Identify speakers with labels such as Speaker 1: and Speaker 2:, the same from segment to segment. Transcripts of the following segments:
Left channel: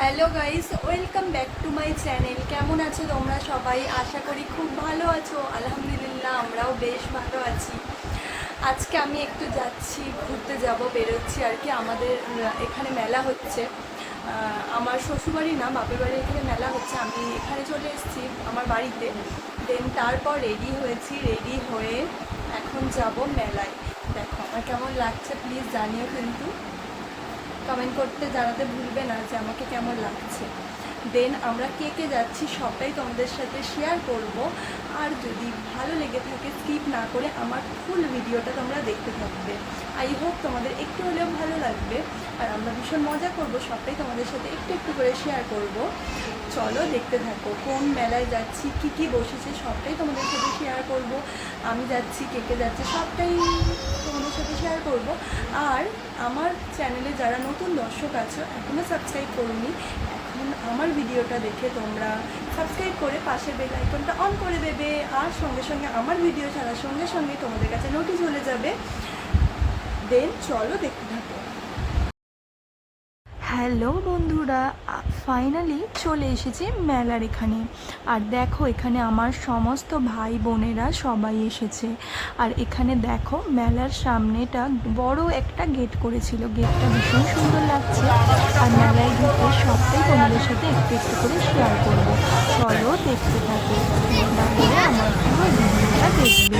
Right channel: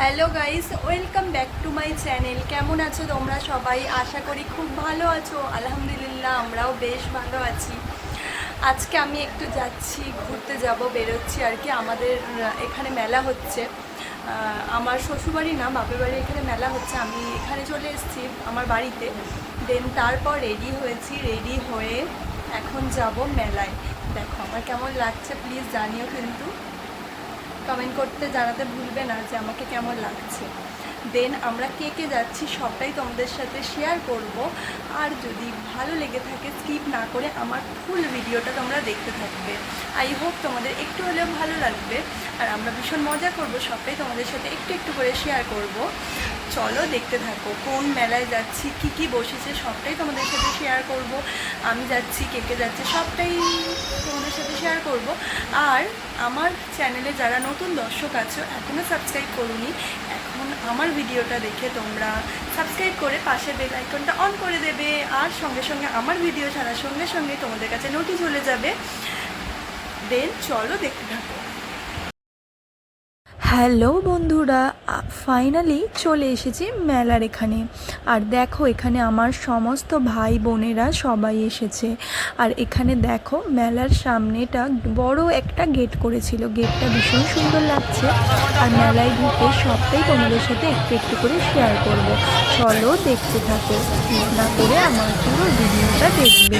Speaker 1: Hello guys welcome back to my channel কেমন আছো তোমরা সবাই? আশা করি খুব ভালো আছো। আলহামদুলিল্লাহ, আমরাও বেশ ভালো আছি। আজকে আমি একটু যাচ্ছি, ঘুরতে যাব, বেরোচ্ছি আর কি। আমাদের এখানে মেলা হচ্ছে। আমার শ্বশুরবাড়ি না, বাপের বাড়ি এখানে মেলা হচ্ছে। আমি এখানে চলে এসেছি আমার বাড়িতে। দেন তারপর রেডি হয়েছি রেডি হয়ে এখন যাব মেলায়। দেখো, আমার কেমন লাগছে। প্লিজ জানিও কিন্তু। কমেন্ট করতে জানাতে ভুলবে না যে আমাকে কেমন লাগছে। দেন আমরা কে কে যাচ্ছি সবটাই তোমাদের সাথে শেয়ার করব। আর যদি ভালো লেগে থাকে স্কিপ না করে আমার ফুল ভিডিওটা তোমরা দেখতে থাকবে। আই হোপ তোমাদের একটু হলেও ভালো লাগবে। আর আমরা ভীষণ মজা করব সবটাই তোমাদের সাথে একটু একটু করে শেয়ার করব। চলো দেখতে থাকো কোন মেলায় যাচ্ছি, কি কি বসেছে সবটাই তোমাদের সাথে শেয়ার করব। আমি যাচ্ছি, কে কে যাচ্ছে সবটাই সাথে শেয়ার করব। আর আমার চ্যানেলে যারা নতুন দর্শক আছো এখনও সাবস্ক্রাইব করুনি, এখন আমার ভিডিওটা দেখে তোমরা সাবস্ক্রাইব করে পাশে বেল আইকনটা অন করে দেবে। আর সঙ্গে সঙ্গে আমার ভিডিও ছাড়ার সঙ্গে সঙ্গে তোমাদের কাছে নোটিশ চলে যাবে। দেন চলো দেখতে থাকো। হ্যালো বন্ধুরা ফাইনালি চলে এসেছি মেলার এখানে। আর দেখো, এখানে আমার সমস্ত ভাই বোনেরা সবাই এসেছে। আর এখানে দেখো, মেলার সামনেটা বড় একটা গেট করেছিল। গেটটা ভীষণ সুন্দর লাগছে। আর মেলায় ঢুকে সবটাই তোমাদের সাথে একটু একটু করে শেয়ার করব। চলো দেখতে থাকো। না করে আমার পুরো ভিডিওটা দেখবে।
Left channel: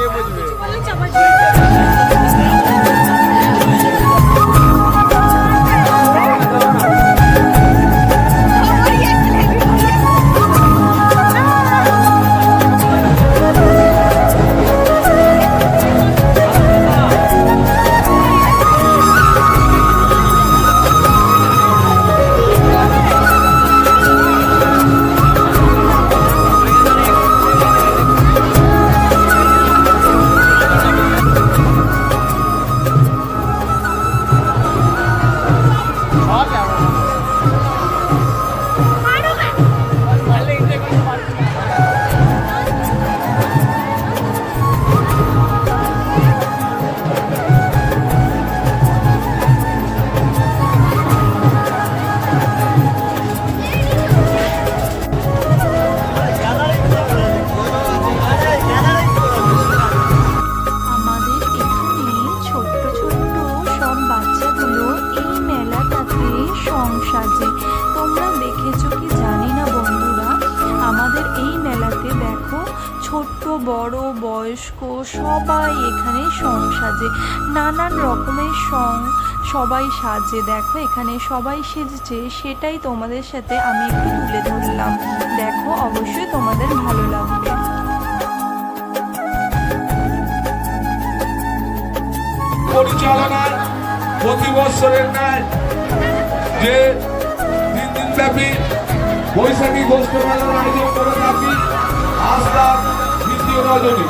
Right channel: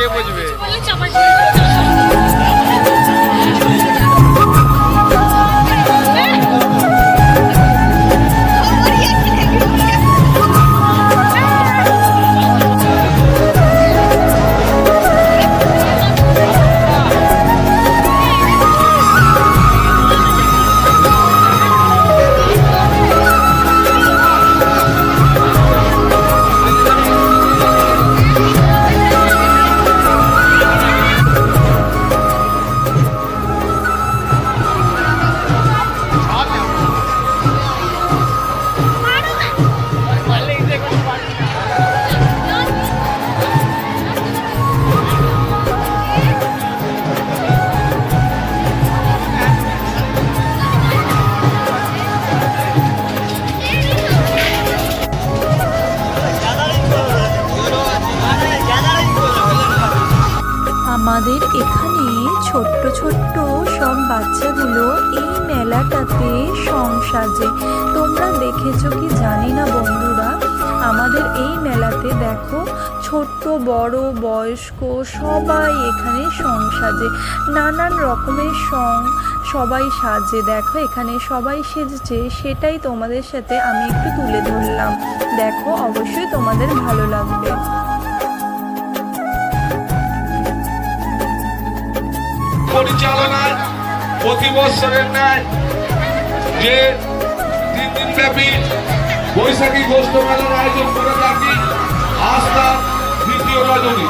Speaker 2: আছিস কিন্তু কে বুঝবে
Speaker 1: আমাদের সাজে। তোমরা দেখেছ কি জানি না বন্ধুরা? আমাদের এই মেলাতে দেখো, ছোট্ট, বড়, বয়স্ক সবাই এখানে সং সাজে। নানান রকমের সং সবাই সাজে। দেখো, এখানে সবাই সেজেছে। সেটাই তোমাদের সাথে আমি একটু তুলে ধরলাম। দেখো, অবশ্যই তোমাদের ভালো লাগবে।
Speaker 3: পরিচালনায় প্রতি বছরের ন্যায় যে তিন দিন ব্যাপী বৈশাখী গোষ্ঠ মেলার আয়োজন করে থাকি আজ তার দ্বিতীয় রজনী।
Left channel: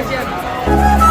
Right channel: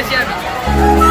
Speaker 1: চলেছি আমি তোমরা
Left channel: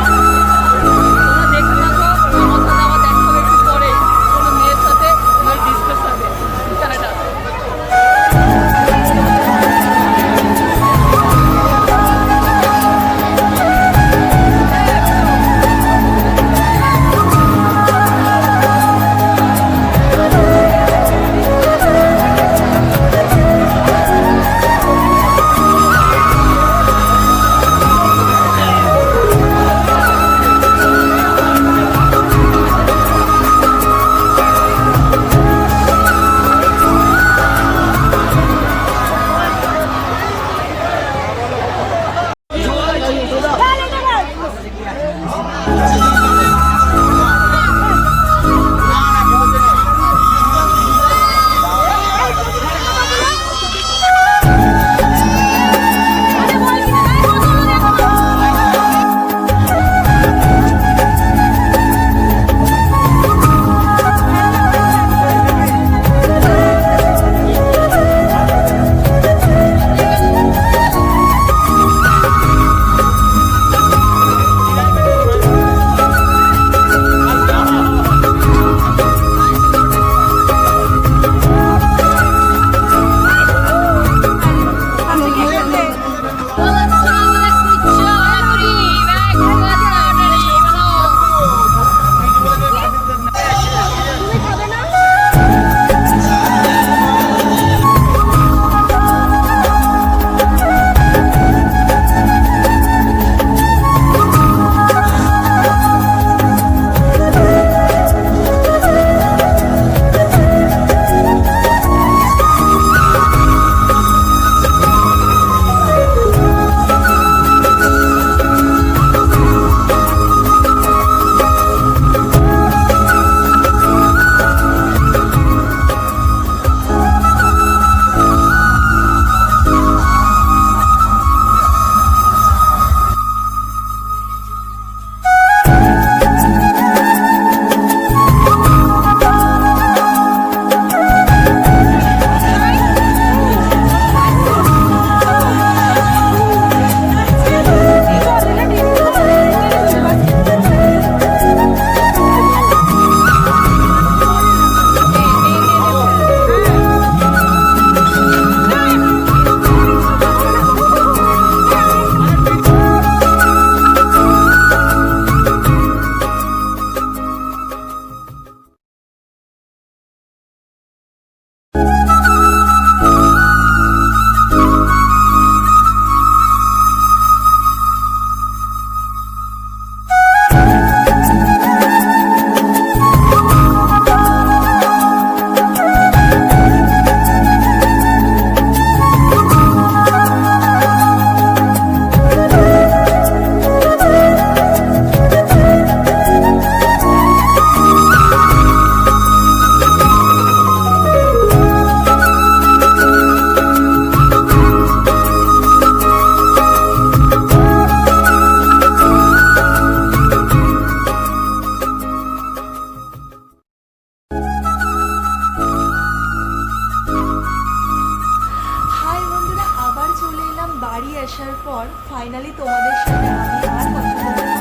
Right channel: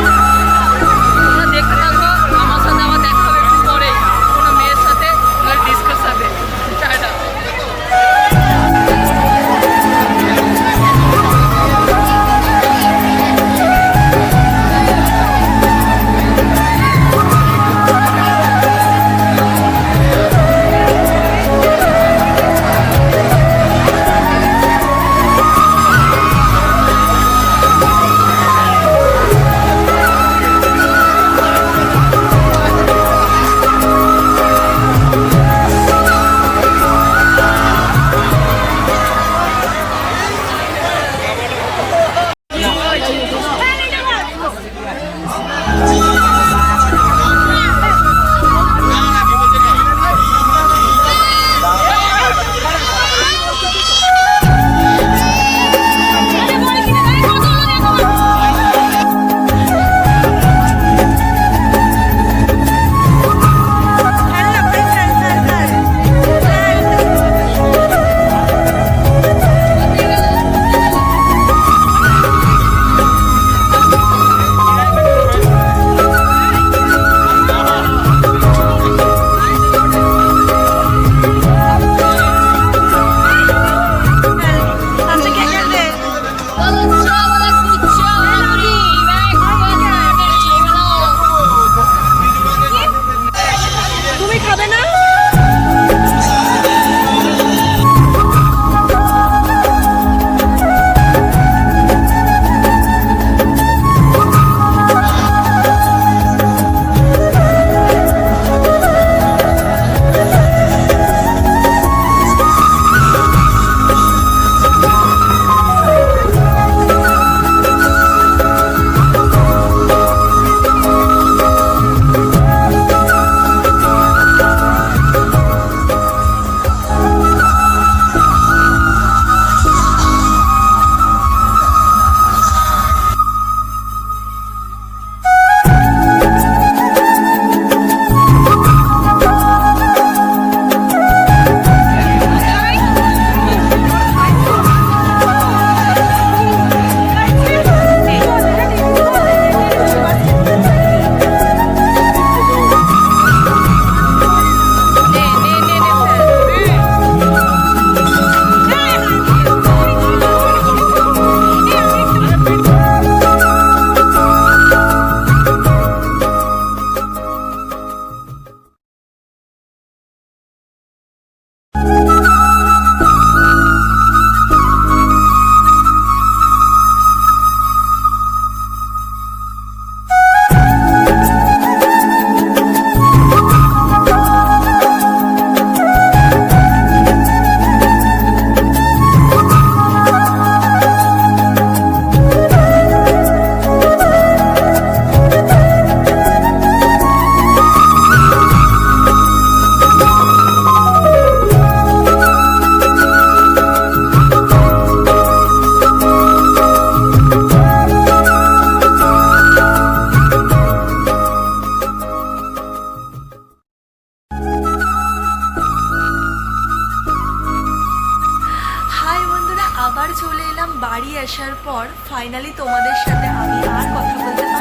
Speaker 1: বাড়ি আসার পর ফাইনালি তোমাদের সাথে আমি আর কথা বলতে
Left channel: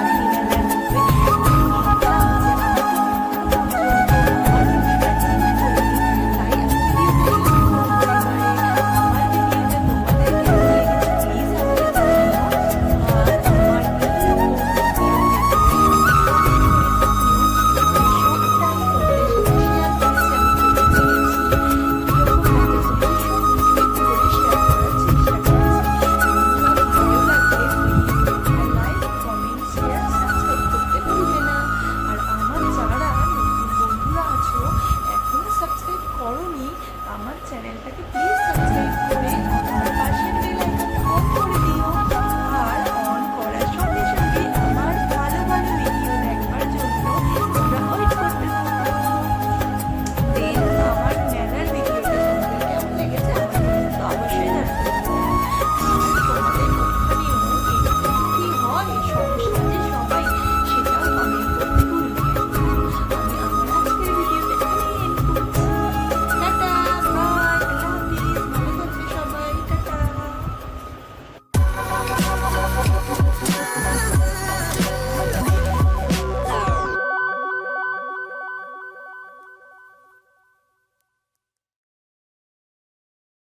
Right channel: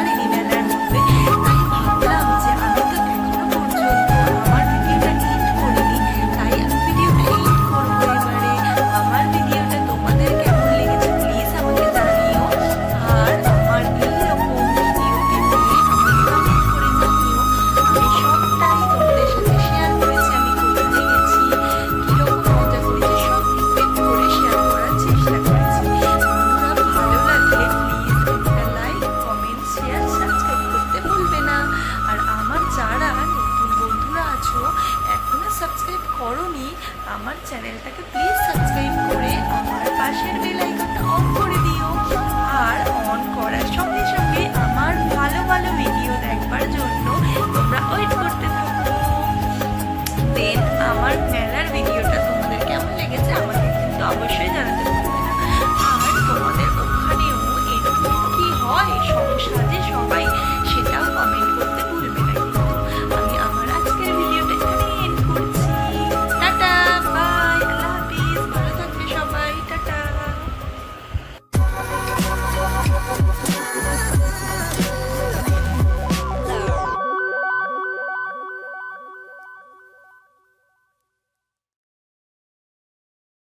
Speaker 1: following